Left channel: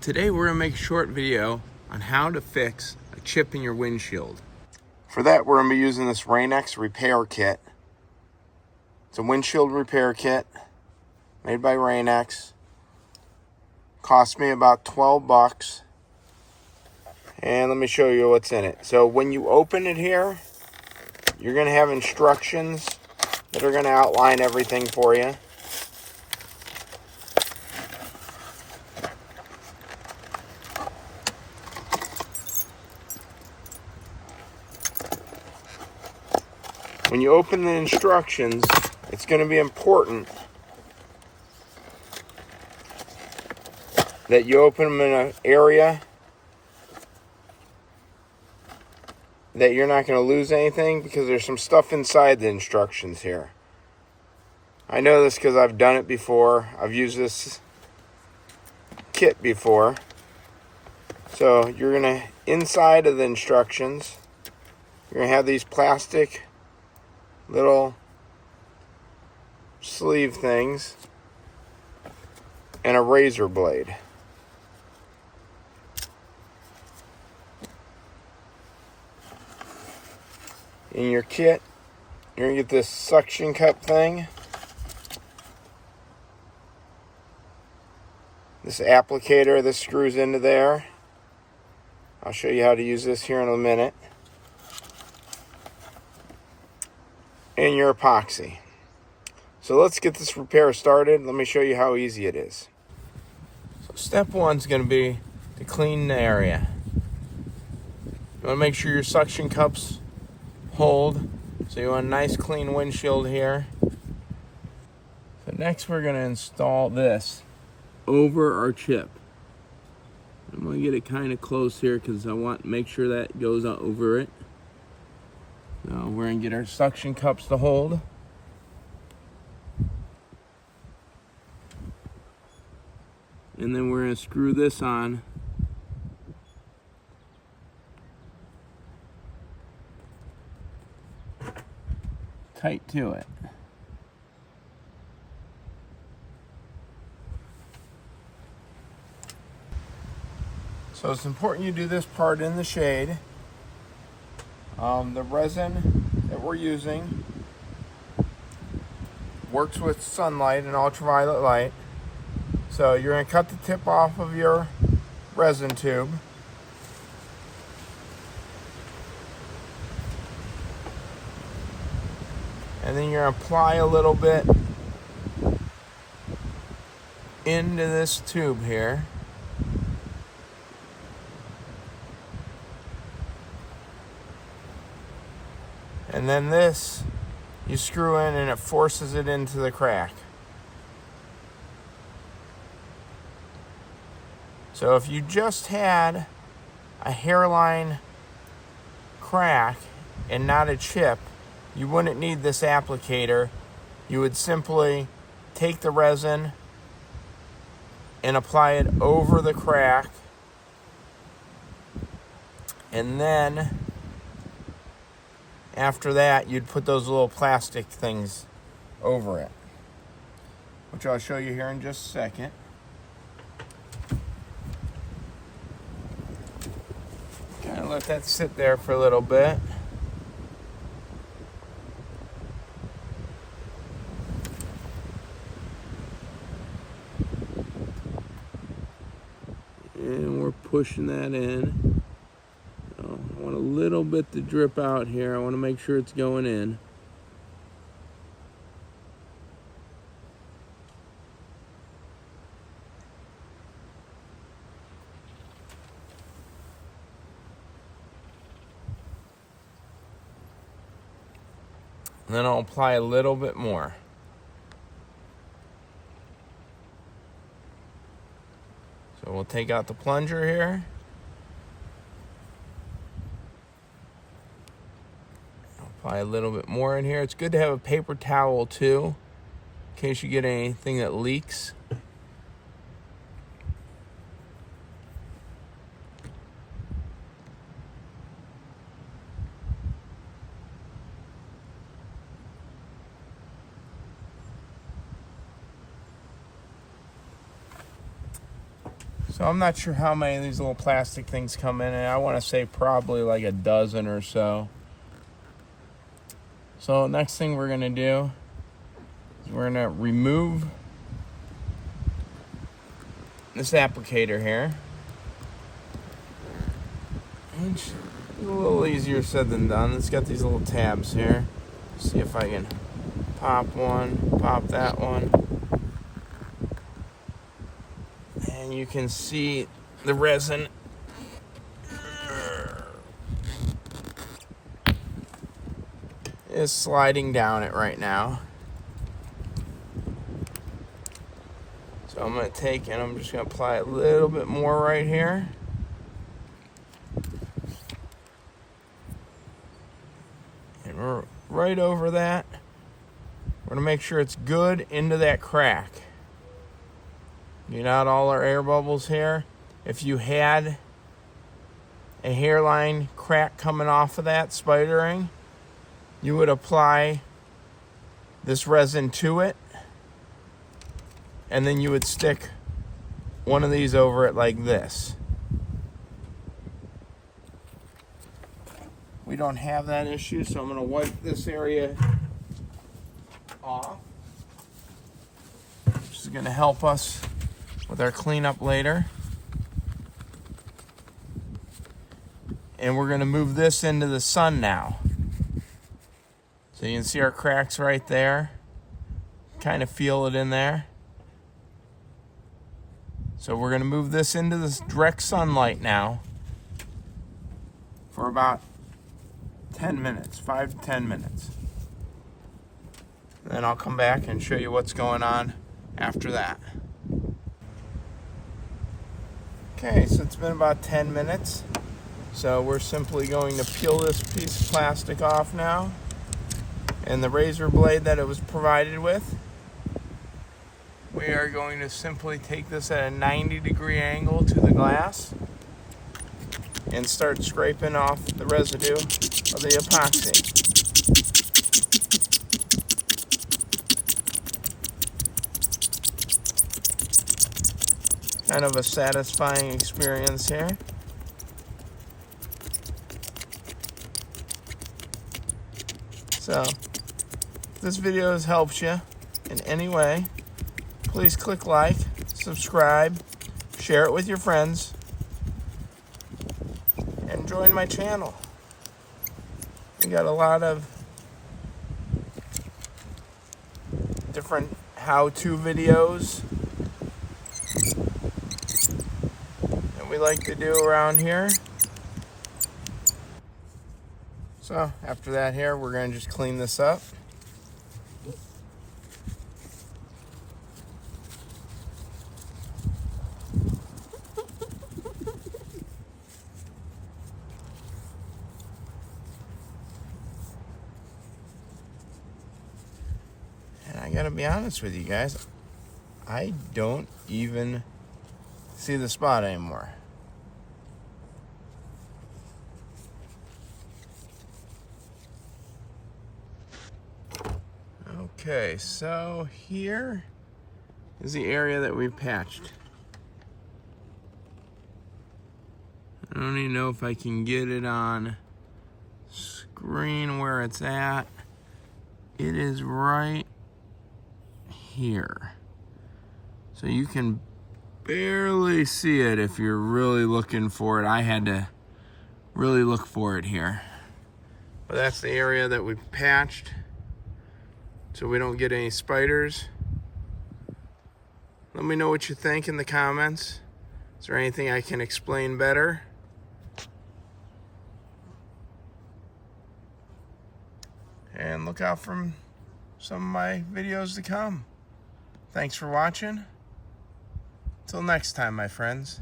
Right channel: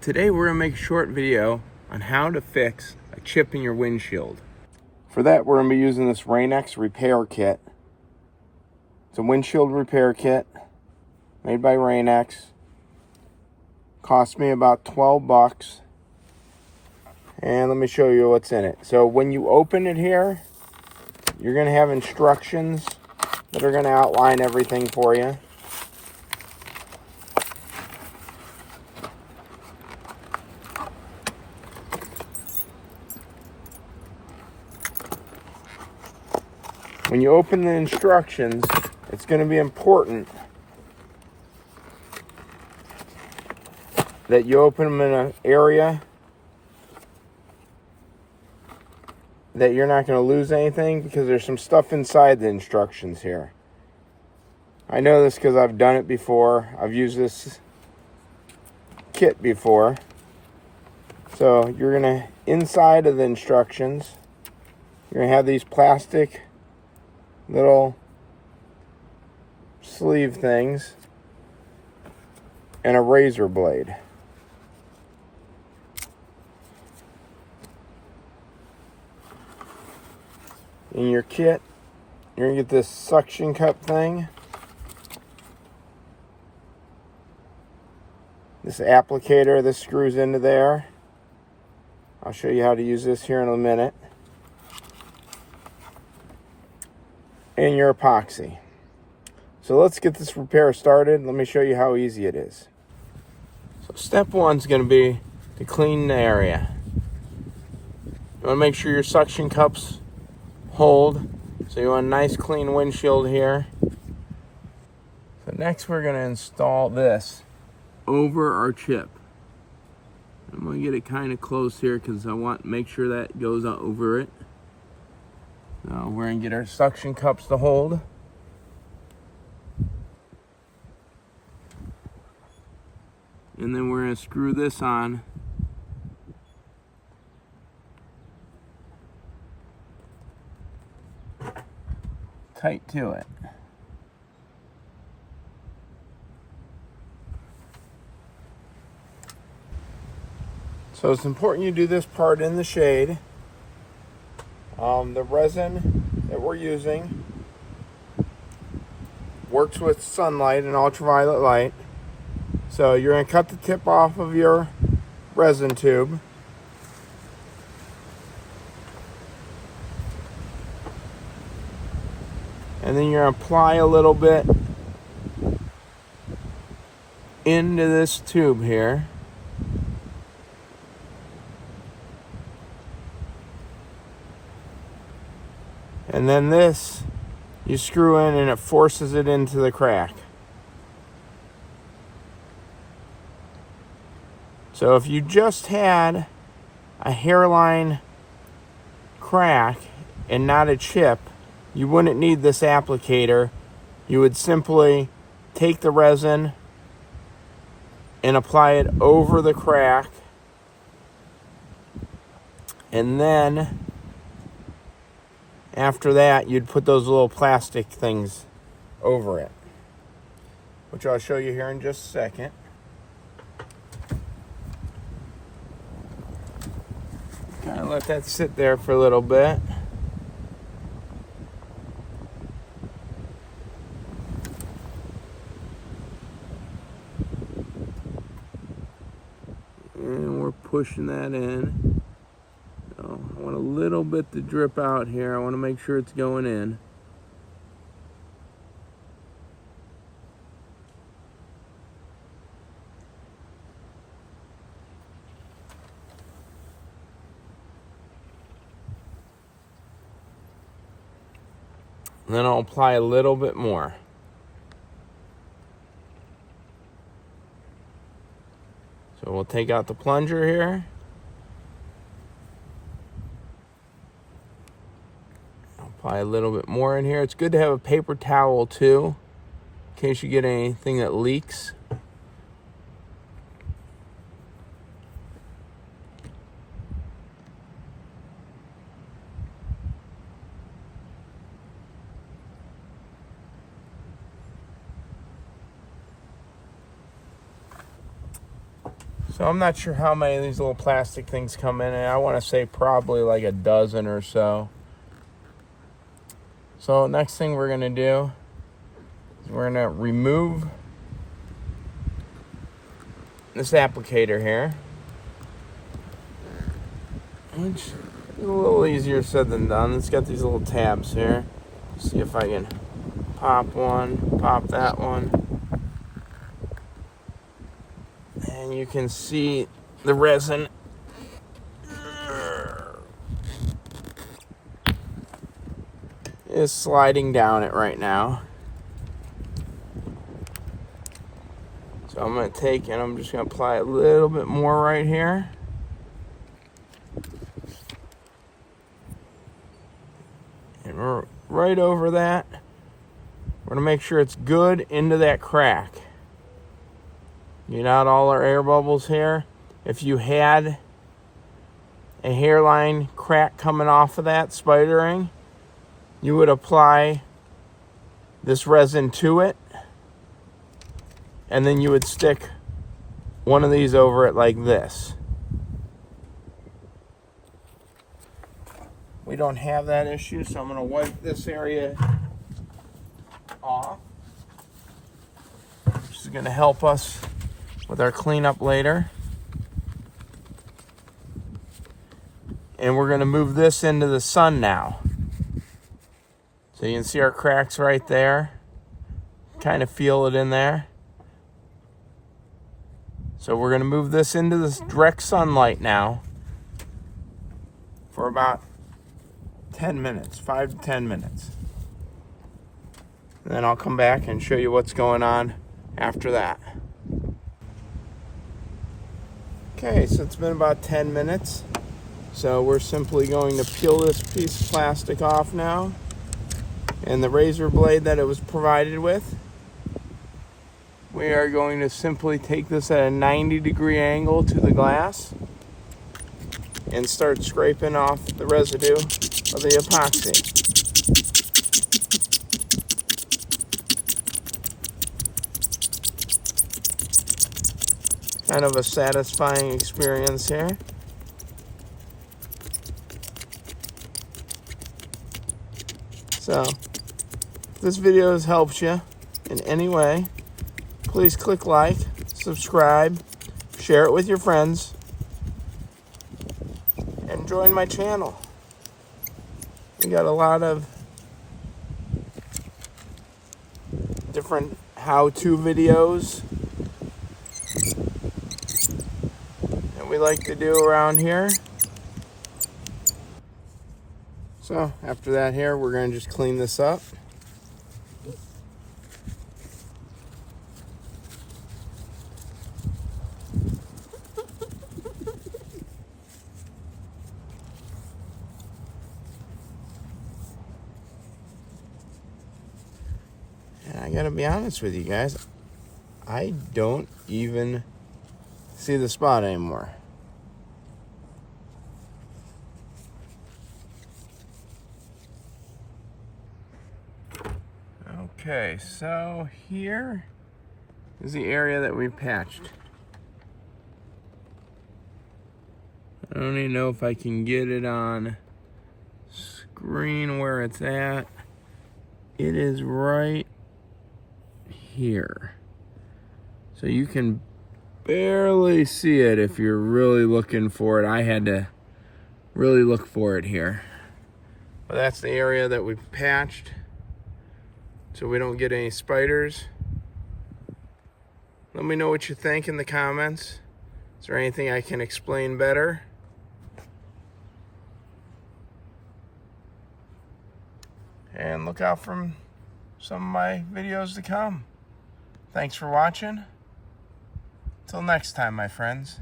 Today we're going to make a short video on how to fix a chip in your windshield. For that we're going to be using this Rain-X repair kit. It's a windshield repair kit made by Rain-X. Cost me about 12 bucks. And let me show you what's in it. So when you open it here, you're going to have instructions that are going to outline everything for you. When you open the instructions, it's going to be important that you open them in an area that you're not going to lose anything, because there's some stuff inside the instructions here. I know this because I've done it before. I've used this kit before. So you're going to, inside of the instructions, you're going to have these plastic little sleeve things and a razor blade. In your kit, you're going to get this suction cup thing, this applicator. This screws into there. I'll show you how to use this here in a minute. And your epoxy. So let's get this repair started. Let me show you how easy it is. So step one is going to be to clean the area. You want to make sure your suction cups hold. So you want a nice clean windshield here. So next we're going to install this over our chip. I'm going to get it kind of close here because I want to make sure that goes over it. So we're going to get our suction cups to hold. And then we're going to screw this on. Tight to it. So it's important you do this part in the shade. The resin that we're using works with sunlight and ultraviolet light. So you're going to cut the tip off of your resin tube. And then you're going to apply a little bit into this tube here. And then this, you screw in and it forces it into the crack. So if you just had a hairline crack and not a chip, you wouldn't need this applicator. You would simply take the resin and apply it over the crack, and then after that you'd put those little plastic things over it, which I'll show you here in just a second. Kind of let that sit there for a little bit. And we're pushing that in. So I want a little bit to drip out here. I want to make sure it's going in. And then I'll apply a little bit more. So we'll take out the plunger here. Apply a little bit more in here. It's good to have a paper towel too, in case you get anything that leaks. So I'm not sure how many of these little plastic things come in, and I want to say probably like a dozen or so. So next thing we're going to do is we're going to remove this applicator here. It's a little easier said than done. It's got these little tabs here. See if I can pop one, pop that one. And you can see the resin is sliding down it right now. So I'm going to take and I'm just going to apply a little bit more right here. And we're right over that. We're going to make sure it's good into that crack. Get out all our air bubbles here. If you had a hairline crack coming off of that spidering, you would apply this resin to it, and then you would stick one of these over it like this. We don't have that issue, so I'm going to wipe this area off. This is going to help us with our cleanup later. And we're going to move this into the sun now. So you can see our cracks right there. Kind of feel it in there. So we're going to move this into this direct sunlight now for about 10 minutes, 5 to 10 minutes. And then I'll come back and show you what's going on after that. Okay, so it's been about 10 minutes. So we're simply going to peel this piece of plastic off now. And the razor blade that it was provided with, we are going to simply take this at a 90-degree angle to the glass and start scraping off the residue of the epoxy. Kind of a satisfying experience here. So, if this video has helped you in any way, please click like, subscribe, share it with your friends, and join my channel. We got a lot of different how-to videos that we like to do around here. So after that here, we're going to just clean this up. And I gotta be honest with you guys, I don't even see the spot anymore. Okay, so here is the area that we've patched. I don't even know if I can get it on screen where it's at. It is right here. So you can barely see it if you're really looking for it. I had to really look for it here. But that's the area that we've patched, so we don't get any spiders. Let me know what you think in the comments. Is there anything I can explain better? And look out for some of my videos to come. Thanks for watching. Till next time, my friends.